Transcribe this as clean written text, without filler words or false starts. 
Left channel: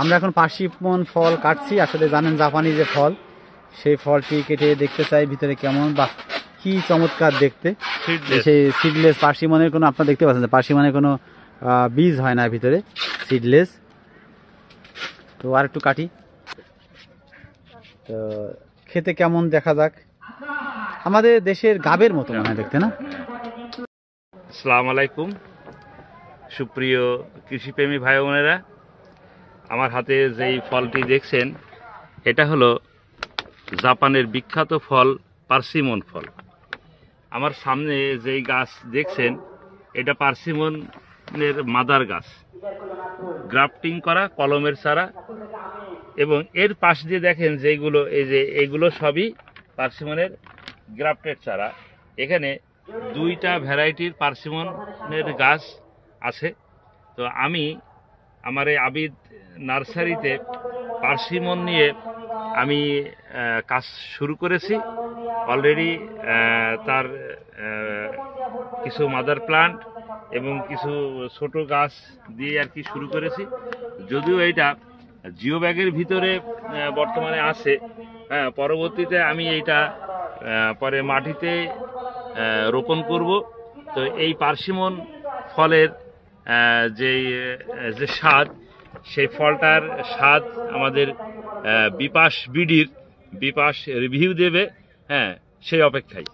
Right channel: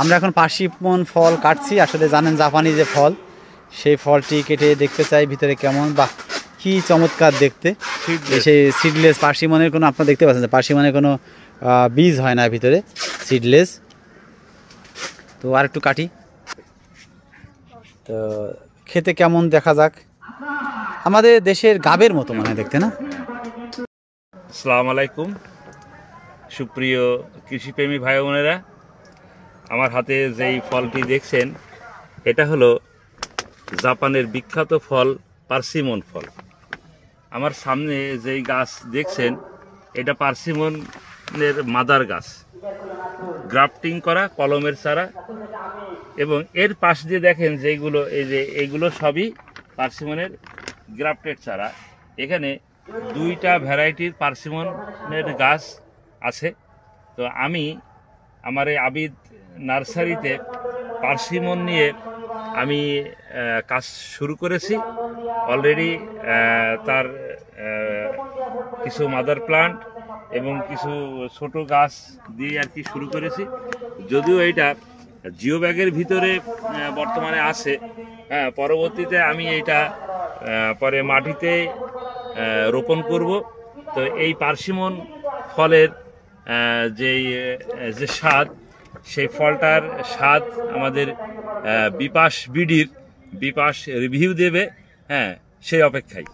আমরা এখন পার্সিমন ফল কাটছি। আসলে জানেন জাপানি যে ফল, সেই ফলটি কেটে দেখতে চাই ভিতরে কেমন, বা কি চমৎকার দেখতে। সেই সিডলেস পার্সিমনের কোনো, আপনারা দেখতে পাচ্ছেন পার্সিমনের কোনো বীজ হয় না ভিতরে, সিডলেস। তো আর একটু কাটি, তো খেতে কেমন দেখা যাক। আমাদের দেশের গাবের মতো মনে হয় দেখতে, না? আসসালামু আলাইকুম সুপ্রিয় কৃষিপ্রেমী ভাই বোনেরা, আমার হাতে যেই ফলটি দেখছেন এটা হলো জাপানের বিখ্যাত ফল পার্সিমন ফল। আমার সামনে যেই গাছ দেখছেন এটা পার্সিমনের মাদার গাছ, গ্রাফটিং করা কলমের চারা। এবং এর পাশ দিয়ে দেখেন যেগুলো, এই যে এগুলো সবই পার্সিমনের গ্রাফটেড চারা। এখানে দুইটা ভ্যারাইটির পার্সিমনের গাছ আছে। তো আমি আমার এই আবিদ নার্সারিতে পার্সিমন নিয়ে আমি কাজ শুরু করেছি অলরেডি। তার কিছু মাদার প্লান্ট এবং কিছু ছোট গাছ দিয়ে আর কি শুরু করেছি। যদিও এইটা জিও ব্যাগের ভিতরে বর্তমানে আছে, পরবর্তীতে আমি এইটা পরে মাটিতে রোপণ করব। তো এই পার্সিমন ফলের যে স্বাদ, সেই ফলটার স্বাদ আমাদের বিপাশ বিডির বিপাশ রিভিউ দেবে, সেই অপেক্ষায়।